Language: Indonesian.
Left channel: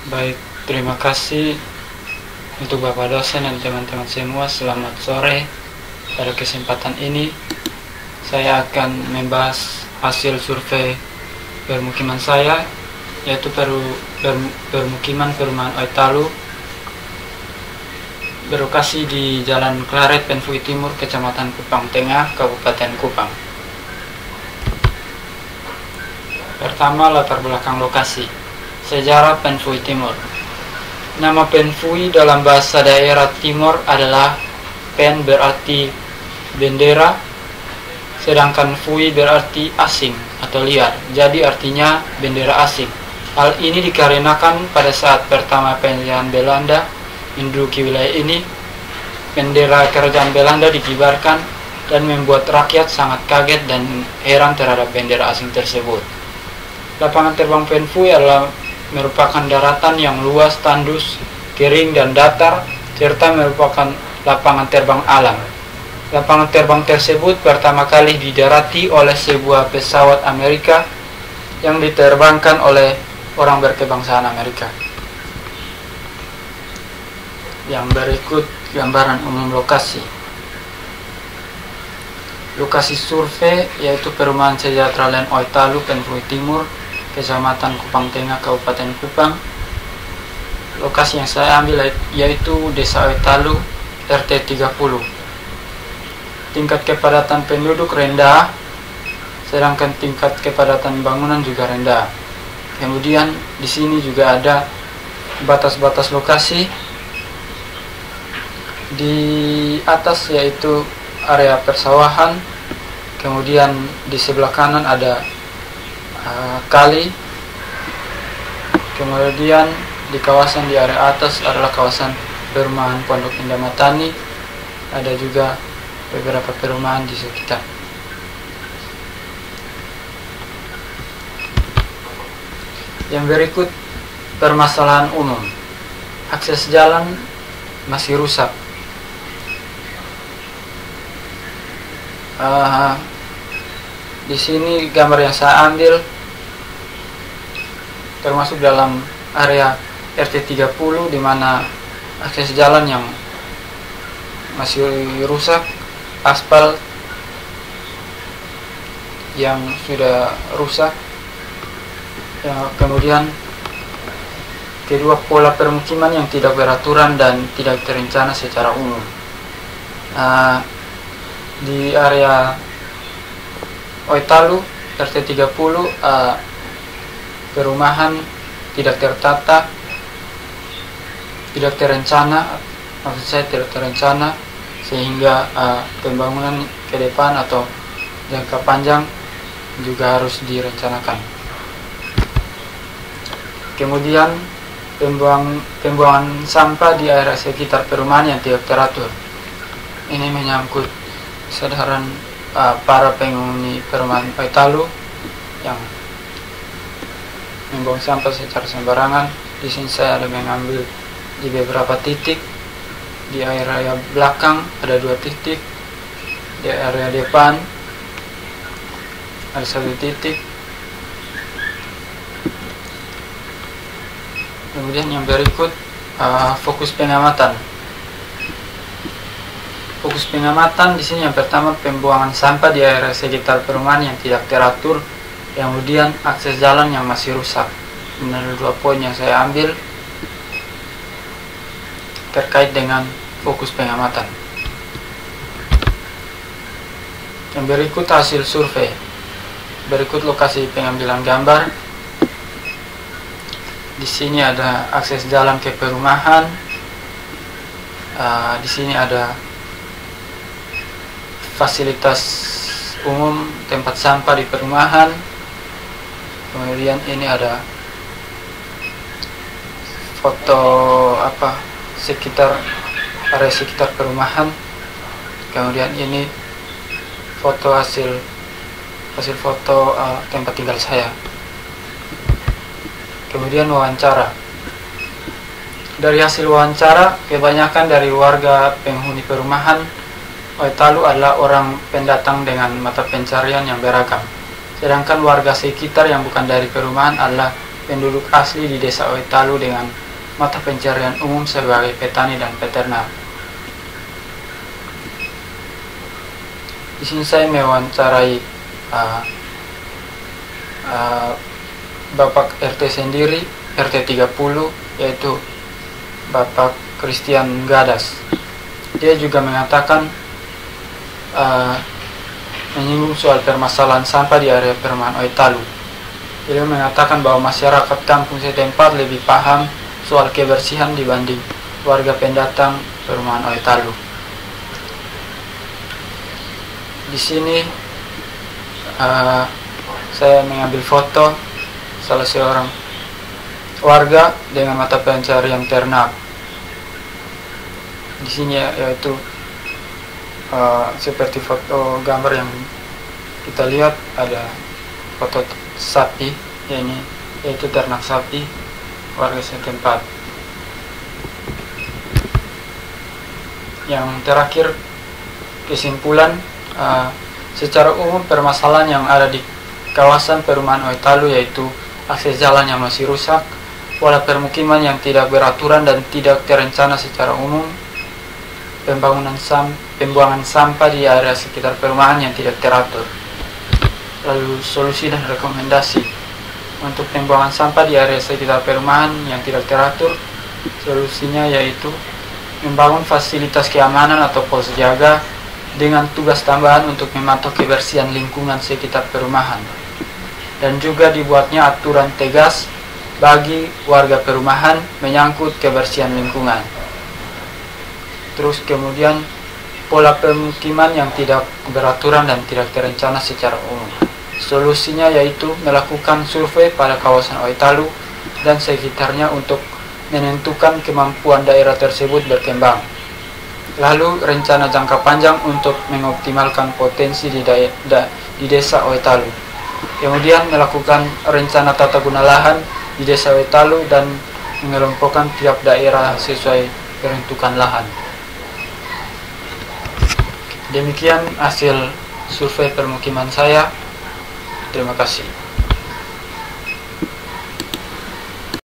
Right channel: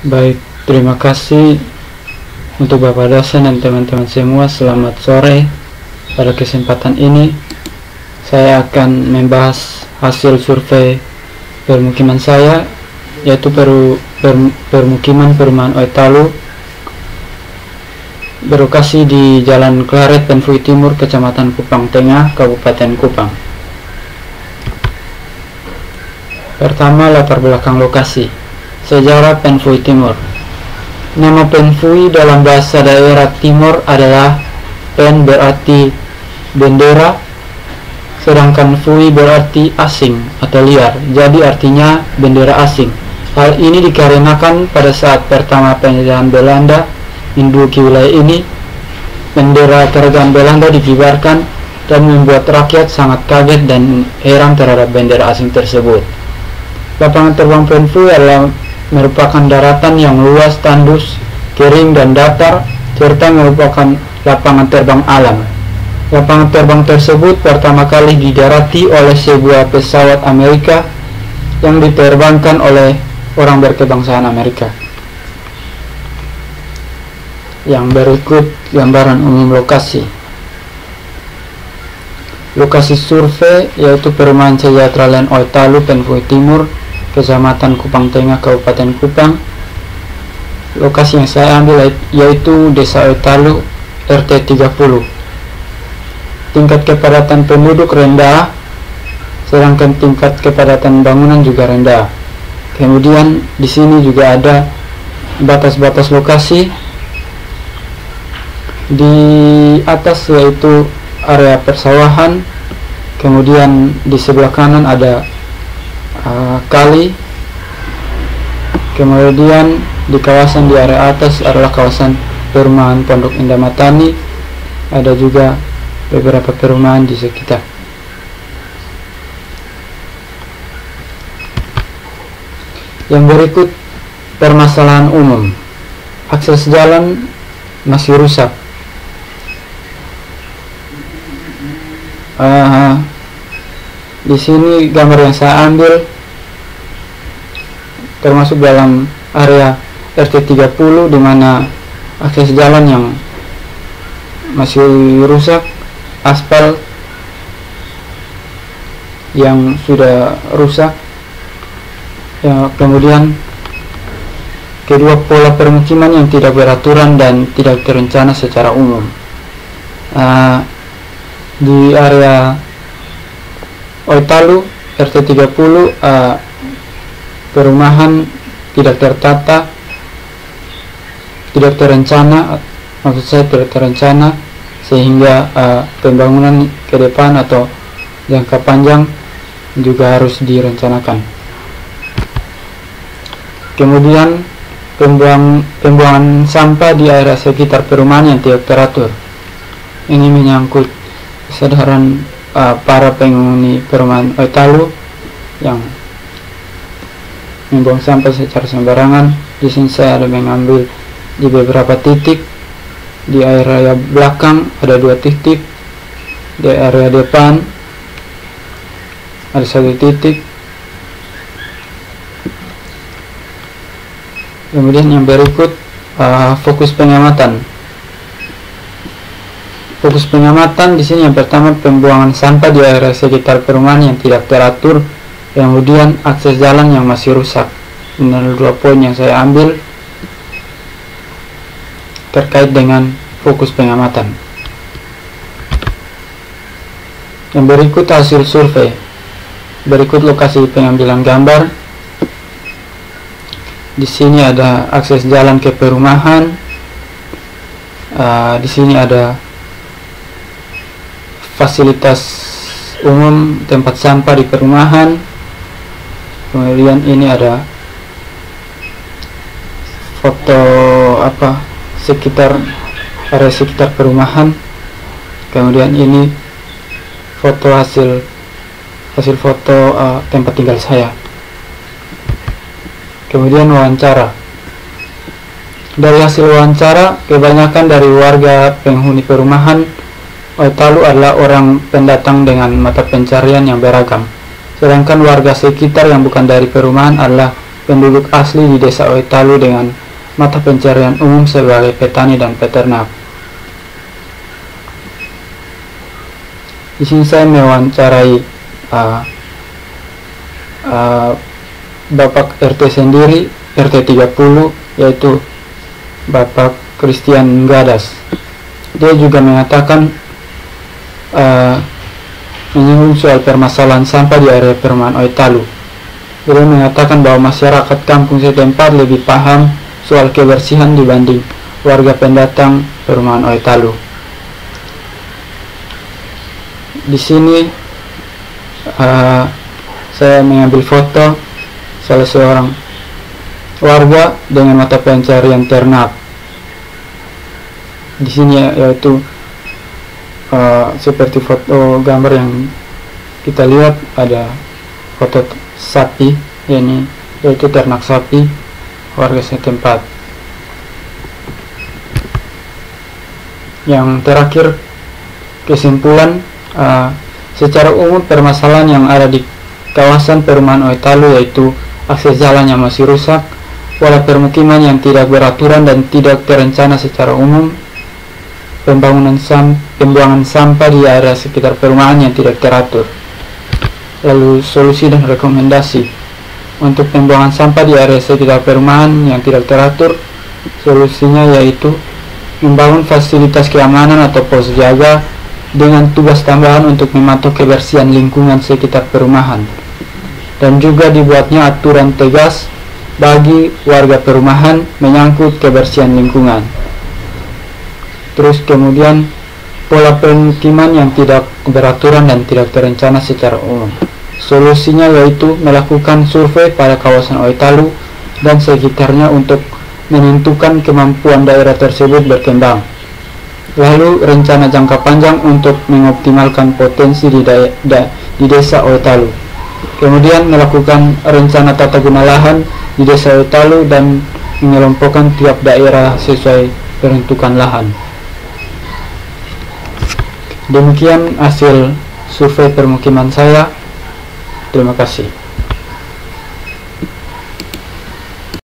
Baik, terima kasih untuk Bapak dosen dan teman-teman semua. Selamat sore. Pada kesempatan ini saya akan membahas hasil survei permukiman saya, yaitu permukiman perumahan Oitalu berlokasi di Jalan Klaret, Penfui Timur, Kecamatan Kupang Tengah, Kabupaten Kupang. Pertama, latar belakang lokasi. Sejarah Penfui Timur. Nama Penfui dalam bahasa daerah Timur adalah Pen berarti bendera, sedangkan Fui berarti asing atau liar, jadi artinya bendera asing. Hal ini dikarenakan pada saat pertama penjajahan Belanda menduduki wilayah ini, bendera kerajaan Belanda dikibarkan dan membuat rakyat sangat kaget dan heran terhadap bendera asing tersebut. Lapangan terbang Penfui adalah merupakan daratan yang luas, tandus, kering dan datar, serta merupakan lapangan terbang alam. Lapangan terbang tersebut pertama kali didarati oleh sebuah pesawat Amerika yang diterbangkan oleh orang berkebangsaan Amerika. Yang berikut gambaran umum lokasi. Lokasi survei yaitu Perumahan Sejahtera Land Oitalu, Penfui Timur, Kecamatan Kupang Tengah, Kabupaten Kupang. Lokasi yang saya ambil yaitu Desa Oitalu, RT 30. Tingkat kepadatan penduduk rendah, sedangkan tingkat kepadatan bangunan juga rendah. Kemudian di sini juga ada batas-batas lokasi. Di atas yaitu area persawahan, kemudian di sebelah kanan ada kali, kemudian di kawasan di area atas adalah kawasan perumahan Pondok Indah Matani, ada juga beberapa perumahan di sekitar. Yang berikut permasalahan umum. Akses jalan masih rusak. Di sini gambar yang saya ambil termasuk dalam area RT 30, di mana akses jalan yang masih rusak, aspal yang sudah rusak, ya, kemudian kedua pola permukiman yang tidak beraturan dan tidak terencana secara umum. Di area Oitalu RT 30 perumahan tidak tertata, tidak terencana, maksud saya tidak terencana, sehingga pembangunan ke depan atau jangka panjang juga harus direncanakan. Kemudian pembuangan sampah di area sekitar perumahan yang tidak teratur. Ini menyangkut kesadaran para penghuni perumahan Oitalu yang membuang sampah secara sembarangan. Di sini saya ada mengambil di beberapa titik. Di area belakang ada 2 titik, di area depan ada 1 titik. Kemudian yang berikut fokus pengamatan. Fokus pengamatan di sini yang pertama pembuangan sampah di area sekitar perumahan yang tidak teratur, kemudian akses jalan yang masih rusak. Ini adalah 2 poin yang saya ambil terkait dengan fokus pengamatan. Yang berikut hasil survei. Berikut lokasi pengambilan gambar. Di sini ada akses jalan ke perumahan. Di sini ada fasilitas umum, tempat sampah di perumahan. Kemudian ini ada foto area sekitar perumahan. Kemudian ini foto hasil foto tempat tinggal saya. Kemudian wawancara. Dari hasil wawancara, kebanyakan dari warga penghuni perumahan Oitalu adalah orang pendatang dengan mata pencarian yang beragam. Sedangkan warga sekitar yang bukan dari perumahan adalah penduduk asli di desa Oitalu dengan mata pencarian umum sebagai petani dan peternak. Di sini saya mewawancarai Bapak RT sendiri, RT 30, yaitu Bapak Christian Gadas. Dia juga mengatakan menyinggung soal permasalahan sampah di area perumahan Oitalu. Beliau mengatakan bahwa masyarakat kampung setempat lebih paham soal kebersihan dibanding warga pendatang perumahan Oitalu. Di sini saya mengambil foto salah seorang warga dengan mata pencarian ternak. Di sini yaitu seperti foto gambar yang kita lihat, ada foto sapi, ini yaitu ternak sapi warga setempat. Yang terakhir, kesimpulan, secara umum permasalahan yang ada di kawasan perumahan Oitalu yaitu akses jalan yang masih rusak, pola permukiman yang tidak beraturan dan tidak terencana secara umum, pembuangan sampah di area sekitar perumahan yang tidak teratur. Lalu solusi dan rekomendasi untuk pembuangan sampah di area sekitar perumahan yang tidak teratur, solusinya yaitu membangun fasilitas keamanan atau pos jaga dengan tugas tambahan untuk memantau kebersihan lingkungan sekitar perumahan, dan juga dibuatnya aturan tegas bagi warga perumahan menyangkut kebersihan lingkungan. Terus kemudian pola pemukiman yang tidak beraturan dan tidak terencana secara umum. Solusinya yaitu melakukan survei pada kawasan Oitalu dan sekitarnya untuk menentukan kemampuan daerah tersebut berkembang. Lalu rencana jangka panjang untuk mengoptimalkan potensi di desa Oitalu. Kemudian melakukan rencana tata guna lahan di desa Oitalu dan mengelompokkan tiap daerah sesuai peruntukan lahan. Demikian hasil survei permukiman saya. Terima kasih.